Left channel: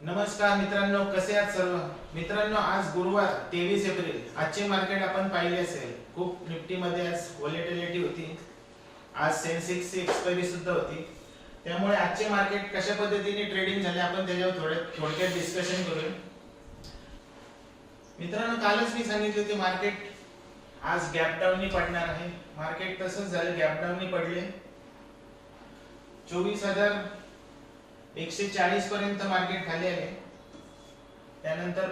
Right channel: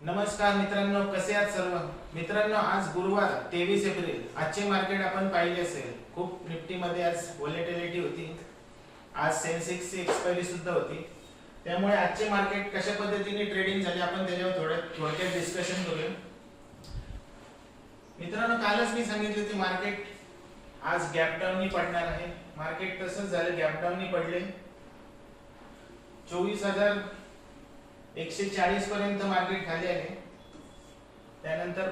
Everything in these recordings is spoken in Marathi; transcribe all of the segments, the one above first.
नमस्कार मित्रांनो, कसे आहात सर्व मित्रांनो? आज गुरुवार 23 एप्रिल. आजचे मार्केट आपण पाहिले असेल, खूप निफ्टी मध्ये आज व्होलॅटिलिटी होती. आज सेन्सेक्स ची एक्सपायरी सुद्धा होती. त्यामुळे आजचे मार्केट कशा पद्धतीने ट्रेडिंग झाले आपण त्याच्यावर थोडक्यात डिस्कशन करूया. मित्रांनो, कालच मी सांगितले की मार्केट आज गॅप डाऊन पडणार आहे. मार्केट तसंच झालं, गॅप डाऊन पडले. 24,140 पर्यंत मार्केट खाली आले. त्यानंतर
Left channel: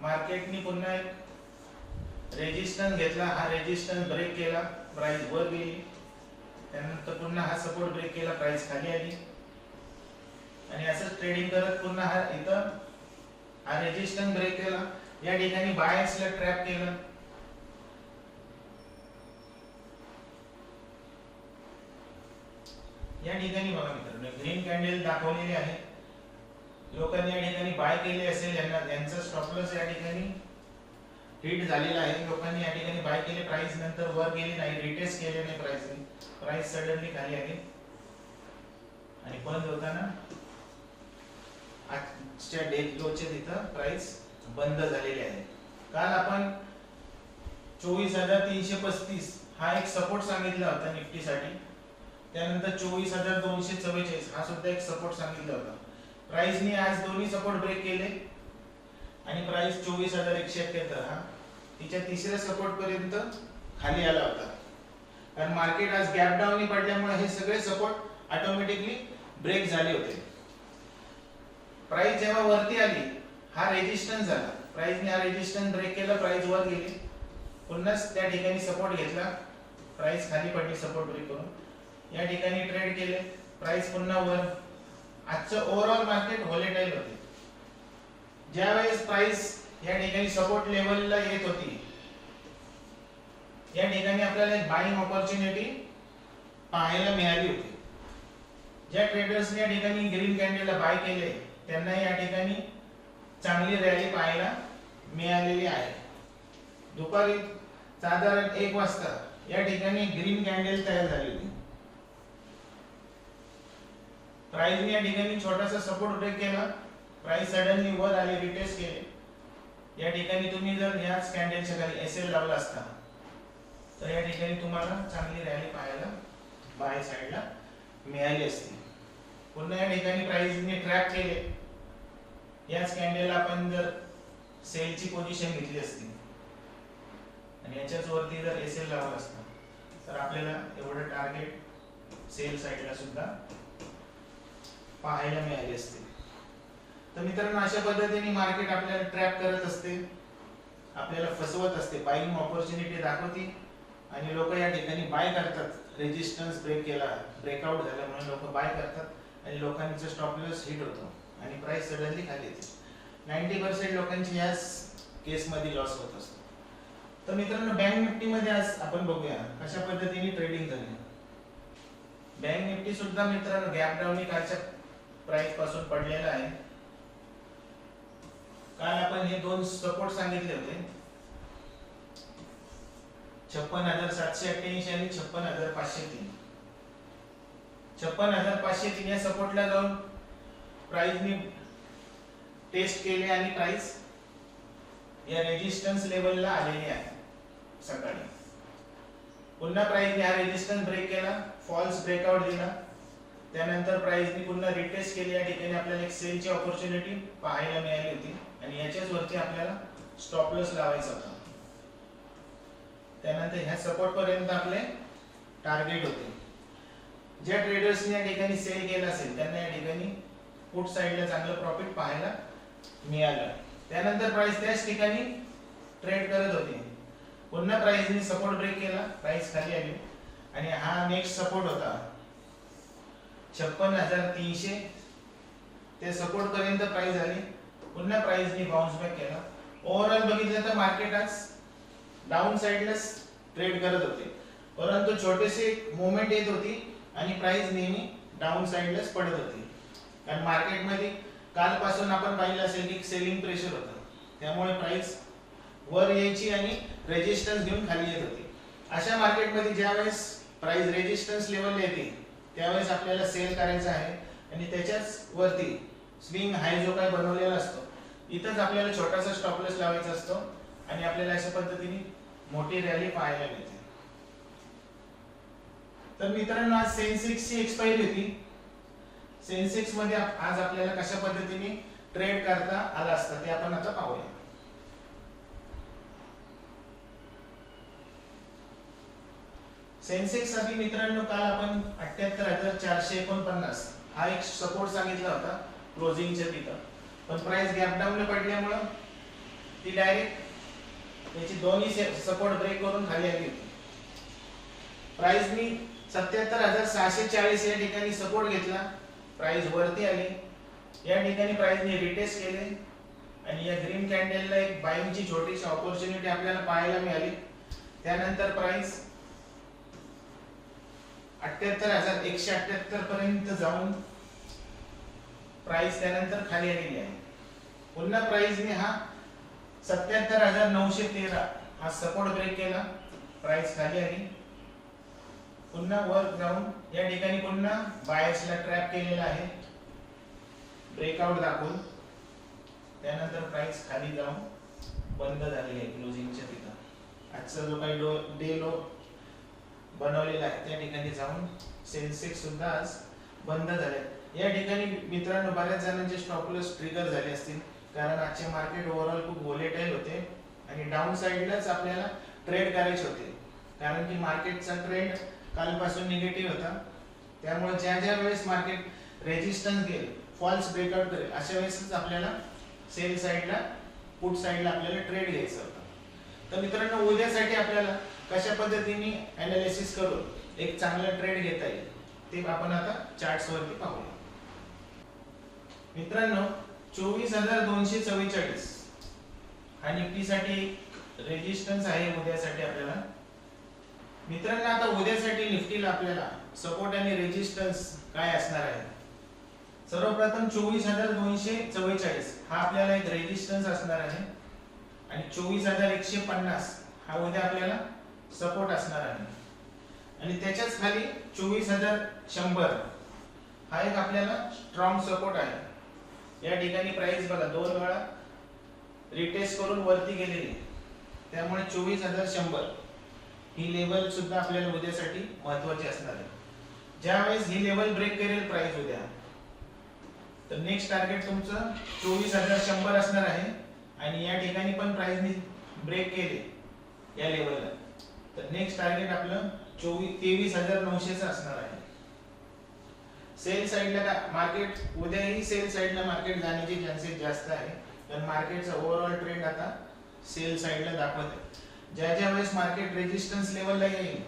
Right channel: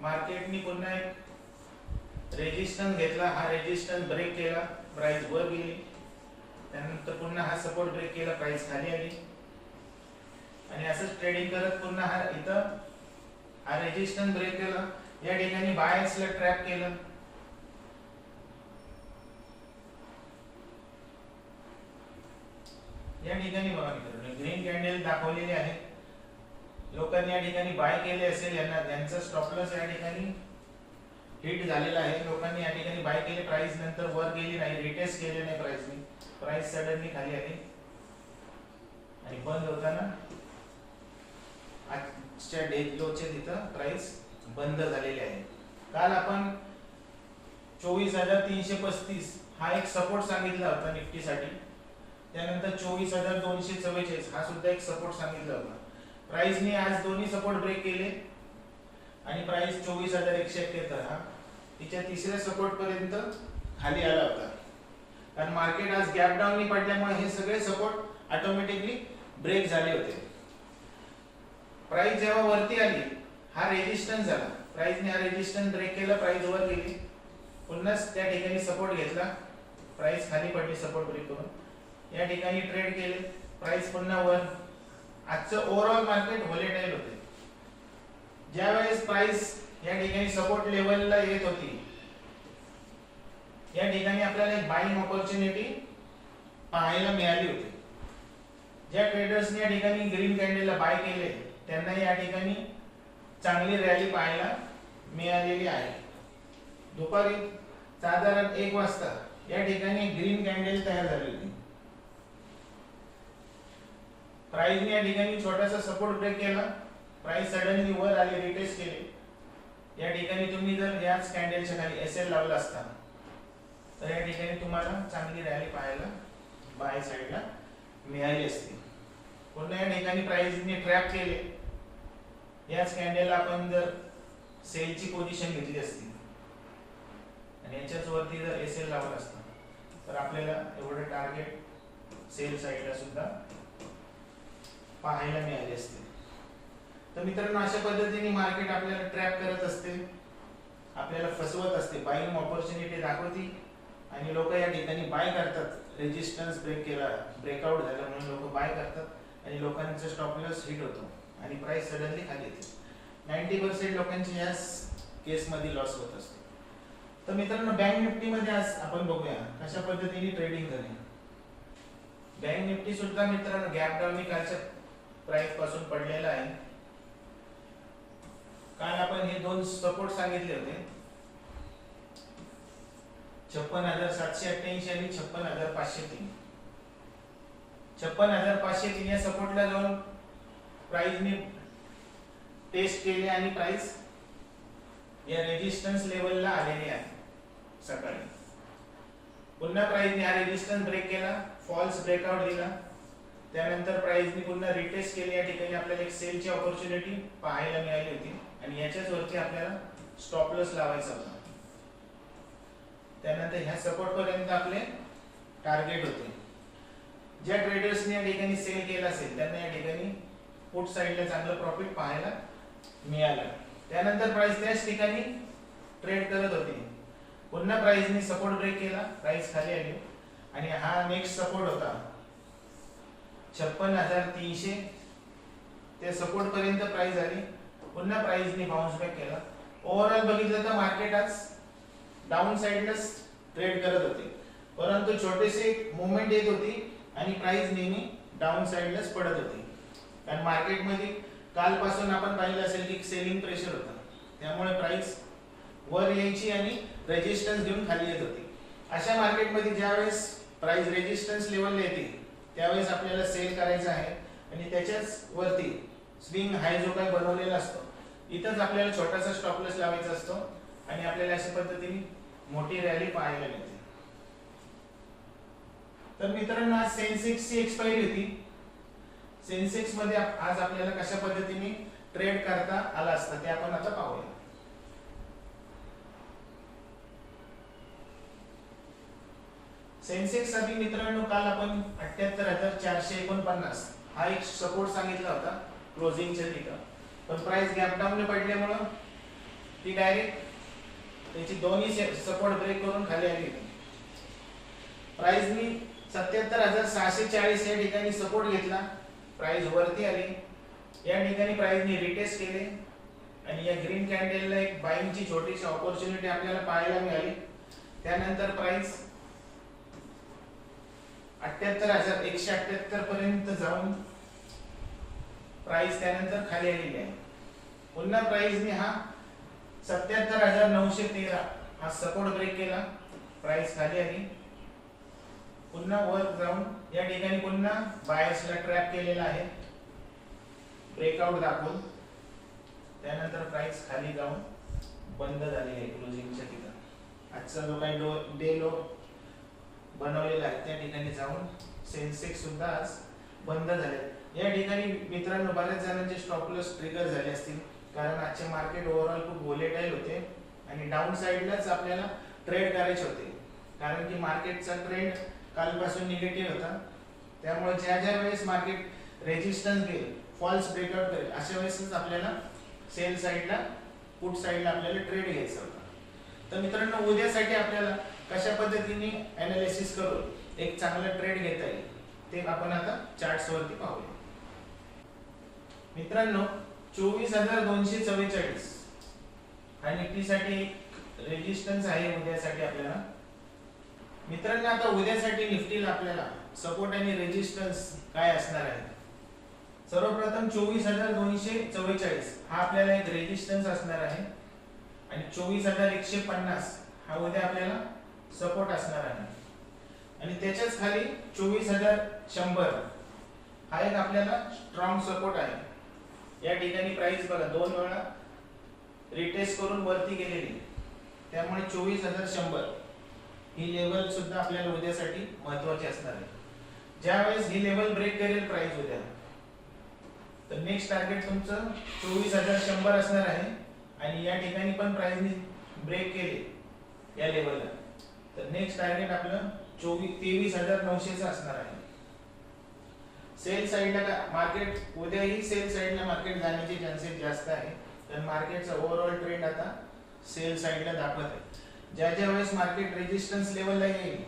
मार्केटनी पुन्हा एक रेजिस्टन्स घेतला. हा रेजिस्टन्स ब्रेक केला, प्राइस वर गेली. त्यानंतर पुन्हा हा सपोर्ट ब्रेक केला, प्राइस खाली आली. आणि असंच ट्रेडिंग करत पुन्हा हा इथं हा रेजिस्टन्स ब्रेक केला. या ठिकाणी बायर्सला ट्रॅप केलं. या ठिकाणी बघा मित्रांनो, ग्रीन कॅन्डल दाखवलेले आहे. लोकांनी या ठिकाणी बाय केले असेल, यांचा स्टॉप लॉस या ठिकाणी हिट झालेला आहे. लोकांनी या ठिकाणी बाय केले, प्राइस नंतर वर गेली नाही, रिटेस्ट केले नाही प्राइसने. प्राइस सडनली खाली आली आणि बंद होताना आजच्या डे लोच्या तिथं प्राइस बंद झालेली आहे. काल आपण 24,335 हा एक सपोर्ट सांगितला होता निफ्टीसाठी. त्यानंतर 24,244 हा सुद्धा एक सपोर्ट सांगितला होता. प्राइसने आज दोन्ही सपोर्ट ब्रेक केले आणि प्राइस 24,171 हा तिच्या तिसऱ्या सपोर्ट पर्यंत खाली आला होता. कारण मार्केट आज गॅप डाऊन पडल्यामुळे हे सगळे सपोर्ट ऑटोमॅटिकली ब्रेक झाले होते. प्राइस जेव्हा वरती आली, हा रेजिस्टन्स झाला. प्राइसने हा रेजिस्टन्स ब्रेक केला, प्राइस वर गेली. पुन्हा त्या ठिकाणी सपोर्ट घेतला, प्राइस खाली पडली सपोर्ट ब्रेक करून. या ठिकाणी ट्रेड केले, प्राइस पुन्हा वर. आजचं ओव्हरऑल मार्केट व्होलेटाईल होते. ज्यावेळेस प्राइस या ठिकाणी सपोर्ट लेवलला येत होती, या ठिकाणी आपल्याला एक बाइंग ऑपॉर्च्युनिटी पाहायला मिळाली होती. ज्या ट्रेडर्सने या ठिकाणी ग्रीन कॅन्डलला बाय केले, त्यांना या ठिकाणी चांगली रॅली पाहायला मिळालेली आहे. दुपारी साधारण 1 वाजता या ठिकाणी ग्रीन कॅन्डल तयार झाली होती. प्राइसने या ठिकाणी छोटासा सपोर्ट ब्रेक केला, प्राइस सडनली वर आली, रिटेस्ट केले. या ठिकाणी तुम्ही जर याच कॅन्डलच्या खाली एसएल लावला असता तर या ठिकाणी तुम्हाला चांगली रॅली पाहायला बाय साइडला मिळाली असती. पुन्हा या ठिकाणी प्राइसने ट्रॅप केले. याच कॅन्डलला आपण जर सेलची पोझिशन घेतली असती आणि याच्याच वरती जर एसएल लावला असता तर आपल्याला एवढं टार्गेट सेल साइडला सुद्धा पाहायला मिळाले असते. तर मित्रांनो, अशा पद्धतीने मार्केट आपल्याला ट्रॅप करत असते, आपल्याला फसवत असते, बाइंग ऑपॉर्च्युनिटी दाखवते आणि लोक या ठिकाणी बाय करतात. रेजिस्टन्स ब्रेक केला, ब्रेकआउट झाला म्हणून लोक बाय करतात आणि लोकांचा स्टॉप लॉस हिट होतो आणि प्राइस सडनली खाली येते. 90% लोकांची याच केस मध्ये लॉस होत असतो. तर मित्रांनो, बँक निफ्टी मध्ये आज आपण बघूया कशा पद्धतीने ट्रेडिंग करेल. बँक निफ्टी सुद्धा मित्रांनो गॅप डाऊन कालच्या प्राइस पासून पडलेला आहे. काल आपण हे दोन सपोर्ट सांगितले होते, 56,788 आणि 56,503. 56,503 या सपोर्टला जाऊन प्राइसने टेस्ट केले आणि प्राइस या रेजिस्टन्स लेवलला आलेली आहे. सकाळी पुन्हा प्राइसने हा रेजिस्टन्स ब्रेक केला, फॉल्स ब्रेकआउट दिला. त्यानंतर प्राइसने पुन्हा रिटेस्ट केली. या ठिकाणी आपल्याला एक सेलची ऑपॉर्च्युनिटी पाहायला मिळाली होती आणि याच्याच वरती आपल्याला स्टॉप लॉस लावायचा होता. त्यानंतर ह्या सपोर्ट पर्यंत आपले टार्गेट होते. ज्या ट्रेडर्सने या ठिकाणी सेल केला असेल त्यांना या ठिकाणी पुट साइडला चांगलं प्रॉफिट पाहायला मिळालं. त्यानंतर प्राइस त्याच ठिकाणी ट्रेड करत होती. पुन्हा प्राइसने सपोर्ट ब्रेक केला, प्राइस खाली आली आणि हा नेक्स्ट सपोर्ट होता 56,300. ते सपोर्ट पर्यंत प्राइस आली. पुन्हा प्राइसने बाउन्स बॅक केला. ओव्हरऑल बघितलं तर मार्केट आज डाऊन साइडलाच ट्रेड करत होते, परंतु छोटेसे मूवमेंट येत होती आणि प्राइस नेहमी डाऊन साइडलाच पडत होती. कारण मार्केटमध्ये कालपासून आपण पाहिलं असेल की सेलिंग प्रेशर होतं, त्यामुळे प्राइस वर यायची आणि रेजिस्टन्स घेऊन खाली येत होती. अशा मार्केटमध्ये ज्यावेळेस प्राइस रेजिस्टन्स लेवलला येते त्यावेळेस आपल्याला सेल करायचं आहे आणि त्याच्याच वरती स्विंग हाय जो काही बनवलेला असतो इथंच आपल्याला छोटासा स्टॉप लॉस लावायचा असतो आणि आपल्याला अशा पद्धतीने मोठी रॅली पाहायला मिळते. तर मित्रांनो आज सेन्सेक्सची एक्सपायरी होती. सेन्सेक्स मध्ये आज आपल्याला कशा पद्धतीने ट्रेड करता आला असता ते आपण आता पाहूया. सेन्सेक्स साठी मित्रांनो काल आपण 78,449 हा एक सपोर्ट सांगितला होता क्लोजिंगच्या तिथं, पण प्राइस गॅप डाऊन पडल्यामुळे ती डायरेक्ट त्याची दोन्ही सपोर्ट ब्रेक करून खाली आली होती. प्राइस मी 77,640 या ठिकाणी सपोर्ट घेतला, प्राइस वरती आली. या ठिकाणी प्राइसने रिटेस्ट केले आणि या ग्रीन कॅन्डलला एक बाइंगची छोटीशी ऑपॉर्च्युनिटी आपल्याला पाहायला मिळाली. त्यानंतर प्राइस 78,178 पर्यंत जाऊन प्राइस त्यानंतर खाली आलेली आहे. पुन्हा प्राइसने हा 77,913 हा सपोर्ट ब्रेक केला, प्राइस खाली आली. पुन्हा वर जाऊन या ठिकाणी पुन्हा बायर्सला ट्रॅप केलेला आहे ब्रेकआउट दाखवून. त्यानंतर प्राइस खाली जाऊन बंद झाली आहे क्लोजिंगच्या तिथं. आजचा जो काही डे लो बनवलेला आहे त्या ठिकाणी जाऊन सेन्सेक्स सुद्धा आज बंद झाले. या ठिकाणी मित्रांनो बऱ्याच जणांचे स्टॉप लॉस ट्रिगर झाले असतील, कारण आजचे मार्केट ओव्हरऑल खूप व्होलेटाईल होते आणि डाऊन साइडलाच आपल्याला ट्रेड करायचे होते, कारण की मार्केटचा ट्रेंड कालपासून निगेटिव्ह होता. त्यामुळे ज्या ज्या वेळेस मार्केट रेजिस्टन्स घेईल, फॉल्स ब्रेकआउट करेल, अशा वेळेसच आपल्याला सेल साइडला, पुट साइडला आपल्याला ट्रेड घ्यायचा होता. तर मित्रांनो उद्यासाठी आपल्याला कशा पद्धतीने एनालिसिस करून एक चांगला ट्रेड घेता येईल ते आपण आता चार्ट्स वरती पाहूया. मित्रांनो 24,244 हा निफ्टीसाठी रेजिस्टन्स आहे उद्यासाठी आपल्याला. मित्रांनो आता उद्यासाठी निफ्टीला आपल्याला सपोर्ट आणि रेजिस्टन्स काय असणार आहे. सर्वप्रथम 24,244 हा आपल्याला एक रेजिस्टन्स असणार आहे आणि 24,150 हा उद्या आपल्याला सपोर्ट असणार आहे आणि त्याच्याच खाली 24,100 हा एक आपल्याला स्ट्रॉंग सपोर्ट आहे. या ठिकाणी प्राइस बघा दोन वेळा रिटेस्ट करून वरती गेलेली, त्यामुळे 24,100 ही लेवल सुद्धा आपल्याला उद्यासाठी महत्त्वाची असणार आहे. ज्यावेळेस ही लेवल ब्रेक करेल प्राइस उद्या, तर नेक्स्ट टार्गेट तुमचं 24,100 असणार आहे आणि या ठिकाणी पण प्राइसने ब्रेक केले या लेवलला, तर नेक्स्ट टार्गेट आपलं 23,900 चं असणार आहे. सेल साइडला मार्केट उद्याही सेल साइडला मार्केट जाण्याचे चान्सेस जास्त आहे, कारण मार्केटचा ओव्हरऑल ट्रेंड आता सेल साइडला दाखवत आहे. ज्या ज्या वेळेस मार्केट रेजिस्टन्स लेवलला येईल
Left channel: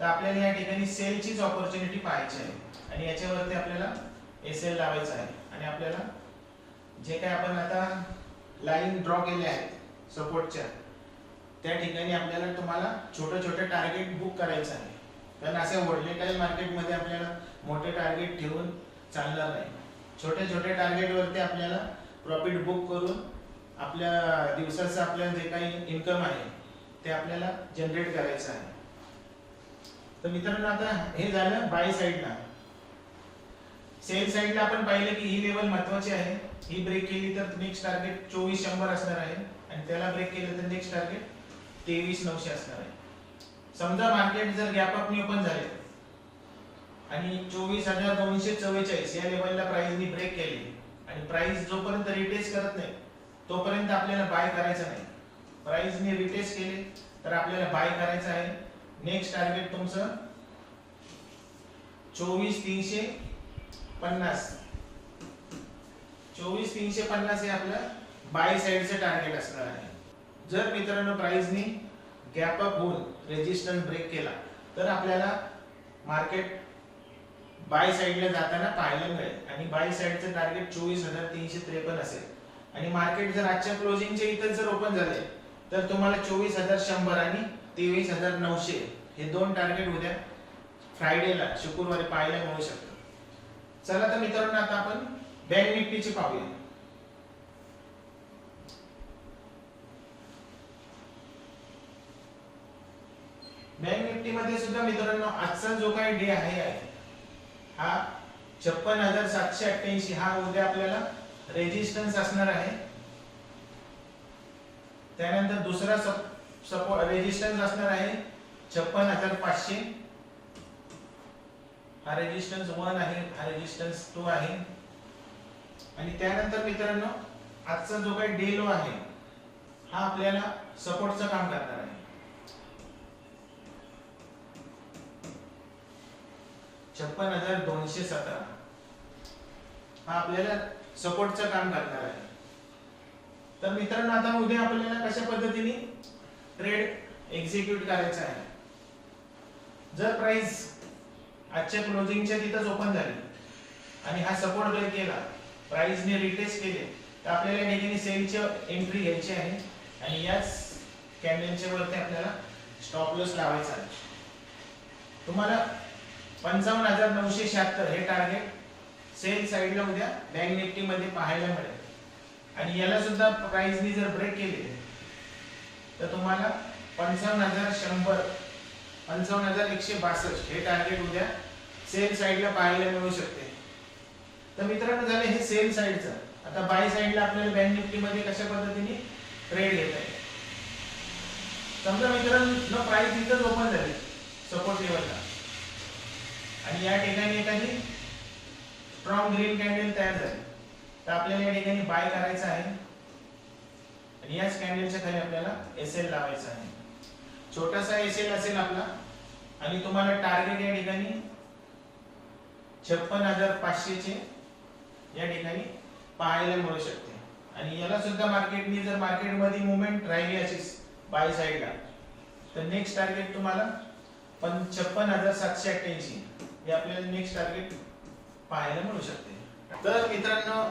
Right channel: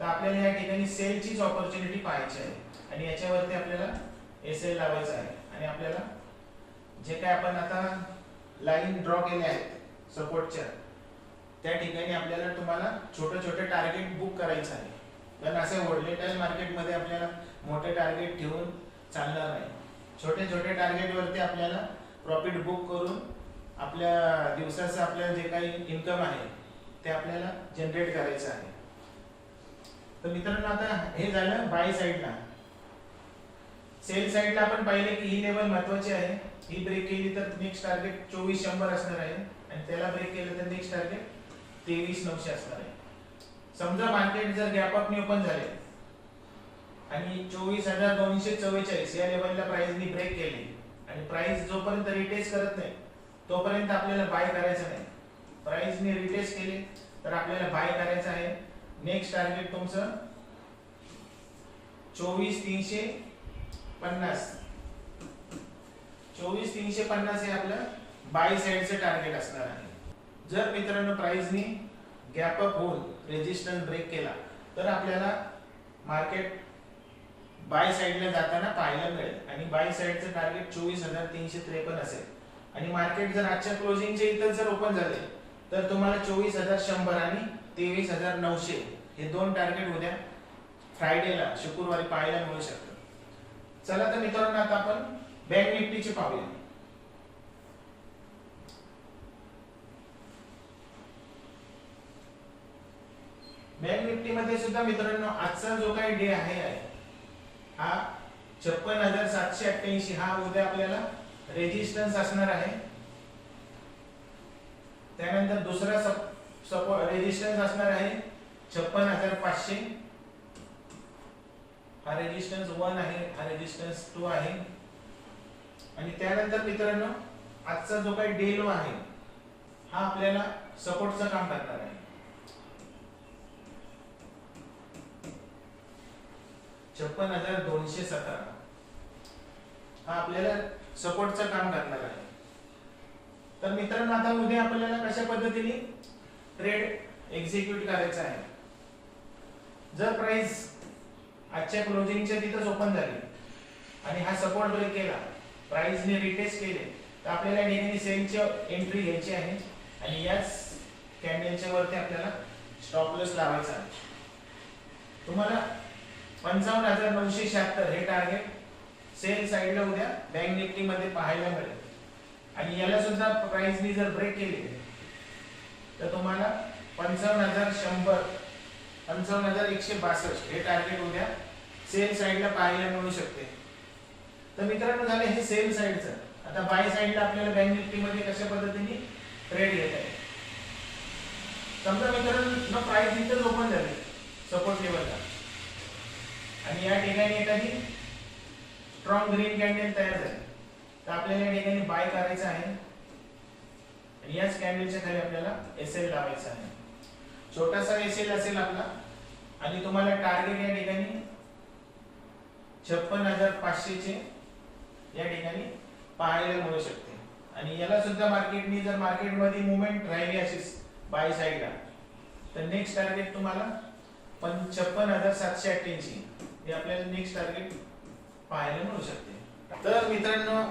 तर आपल्याला या ठिकाणी सेलचीच ऑपॉर्च्युनिटी पाहायची आहे आणि याच्यावरती आपल्याला एसएल लावायचा आहे आणि आपल्याला जे काय आपण आता लाईन ड्रॉ केले आहेत सपोर्टच्या त्या ठिकाणी आपल्याला तुम्हाला छोटे छोटे टार्गेट बुक करायचं आहे, कारण असं व्होलेटाईल मार्केटमध्ये आपल्याला मोठे टार्गेट ठेवून चालणार नाही. छोटे छोटे टार्गेट वरती आपल्याला प्रॉफिट बुक करून आपल्या दिवसाचं आपल्याला जे काही इन्कम आहे ते आपल्याला जनरेट करायचं आहे. तर मित्रांनो आता हे झालं बाय साइडला. सेल साइडला आपण पाहिले की ही लेवल महत्त्वाची आहे, ही ब्रेक केली तर नेक्स्ट टार्गेट 24,100 असणार आहे आणि त्याला ब्रेक केलं तर नेक्स्ट टार्गेट 23,900 असणार आहे. समजा मार्केट जर गॅप अप नी ओपन झाले आणि 24,244 या लेवलला प्राइसनी ब्रेक केली आणि प्राइस जोपर्यंत रिटेस्ट करत नाही तोपर्यंत आपल्याला बाय करायचं नाही. प्राइसने रिटेस्ट केली तर आपल्याला बाय करायचं आहे. नेक्स्ट टार्गेट तुमचं 24,350 24,350 हे आपलं बाय साइडचं टार्गेट असणार आहे. जर मित्रांनो प्राइसनी गॅप अप होऊन रेजिस्टन्स ब्रेक केला तर आपल्याला मार्केट बाय साइडला जाताना पाहायला मिळेल आणि बाय साइडचं टार्गेट 24,353 असेल आणि मार्केट जर आजच्या क्लोजिंगच्या इथं जर ओपन झाले तर तुम्हाला 24,100 आणि 23,900 हे दोन टार्गेट उद्या फ्रायडेला शुक्रवारी पाहायला मिळू शकतात. चला तर मित्रांनो आता आपण बँक निफ्टीचे पाहूया. बँक निफ्टी मध्ये सुद्धा मित्रांनो आजचा जो काही डे आहे हा 56,788 हा उद्या आपल्याला रेजिस्टन्स असणार आहे. त्यानंतर दुसरा सपोर्ट रेजिस्टन्स असणार आहे 56,500. हा रेजिस्टन्स 1 आहे, हा रेजिस्टन्स 2 आहे. आणि त्यानंतर मित्रांनो आजचा जो काही डे लो आहे हा आपल्याला सपोर्टचं काम करणार आहे. 56,217 हा आपल्याला सपोर्टचं काम करणार आहे. तर मित्रांनो आता उद्या आपल्याला कशा पद्धतीने ट्रेड एक्झिक्यूट करायचा आहे. जर प्राइस आजच्या क्लोजिंगच्या तिथंच ओपन झाली आणि हा सपोर्ट ब्रेक केला, प्राइसने रिटेस्ट केले, तर आपल्याला या ठिकाणी सेलची एंट्री घ्यायची आहे आणि याच कॅन्डलच्या वरती आपल्याला स्टॉप लॉस लावायचा आहे. तुम्हाला 55,976 हे टार्गेट सेल साइडला उद्या बँक निफ्टी मध्ये पाहायला मिळेल. आणि याला सुद्धा प्राइसनी जर ब्रेक केले तर तुम्हाला 55,100 55,162 हे टार्गेट उद्या सेल साइडला पाहायला मिळू शकते. तर मित्रांनो झाले हे सेल साइडचं. आता बाय साइडला आपल्याला बँक निफ्टी मध्ये कशा पद्धतीने ट्रेड घेता येईल. समजा मित्रांनो प्राइस इथं ओपन झाले सपोर्ट लेवलला आणि या ठिकाणी एखादी स्ट्रॉंग ग्रीन कॅन्डल तयार झाली, तर आपल्याला या ठिकाणी बाय करायचं आहे आणि याच कॅन्डलच्या खाली आपल्याला एसएल लावायचा आहे. छोटासा एसएल असेल आपला आणि तुम्हाला टार्गेट या ठिकाणी 56,500 चे या ठिकाणी पाहायला मिळू शकते. आणि याला सुद्धा मार्केटनी जर मार्केटमध्ये मुवमेंट राहिली अशीच बाय साइडला, तर नेक्स्ट टार्गेट तुम्हाला 56,788 हे आपल्याला नेक्स्ट टार्गेट पाहायला मिळू शकते. तर मित्रांनो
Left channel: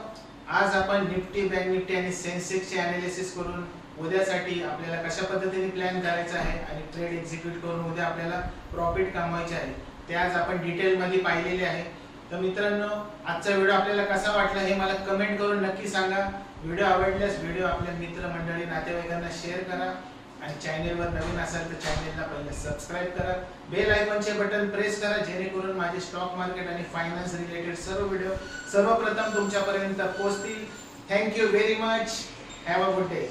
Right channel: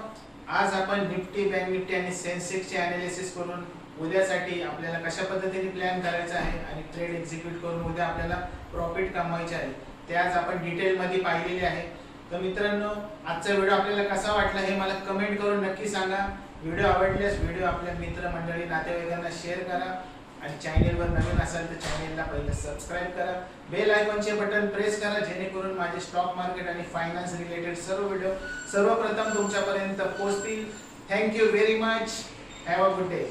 आज आपण निफ्टी, बँक निफ्टी आणि सेन्सेक्सचे एनालिसिस करून उद्यासाठी आपल्याला कशा पद्धतीने प्लॅन करायचा आहे आणि ट्रेड एक्झिक्यूट करून उद्या आपल्याला प्रॉफिट कमवायचे आहे ते आज आपण डिटेल मध्ये पाहिलेले आहे. तर मित्रांनो आजचा व्हिडिओ आपल्याला कसा वाटला हे मला कमेंट करून नक्की सांगा. व्हिडिओ आवडल्यास व्हिडिओ आपल्या मित्रमंडळी, नातेवाईकांना शेअर करा आणि चॅनलवर नवीन असाल तर चॅनलला पहिले सबस्क्राइब करा. बेल आयकॉनचे बटन प्रेस करा जेणेकरून माझे स्टॉक मार्केट आणि फायनान्स रिलेटेड सर्व व्हिडिओ सर्वप्रथम तुमच्यापर्यंत पोहोचतील. Thank you very much. Have a good day.